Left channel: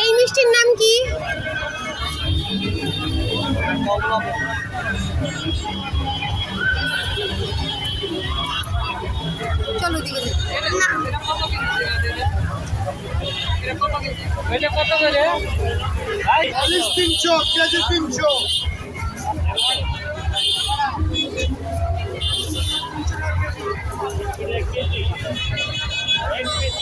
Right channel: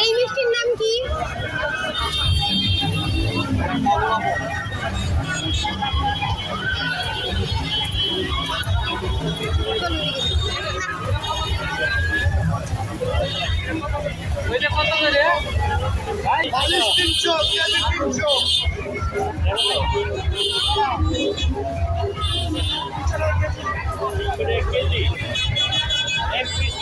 এই মিষ্টির নাম কি? চলো দেখি। কত করে? 300 কেজি 300। এক পিস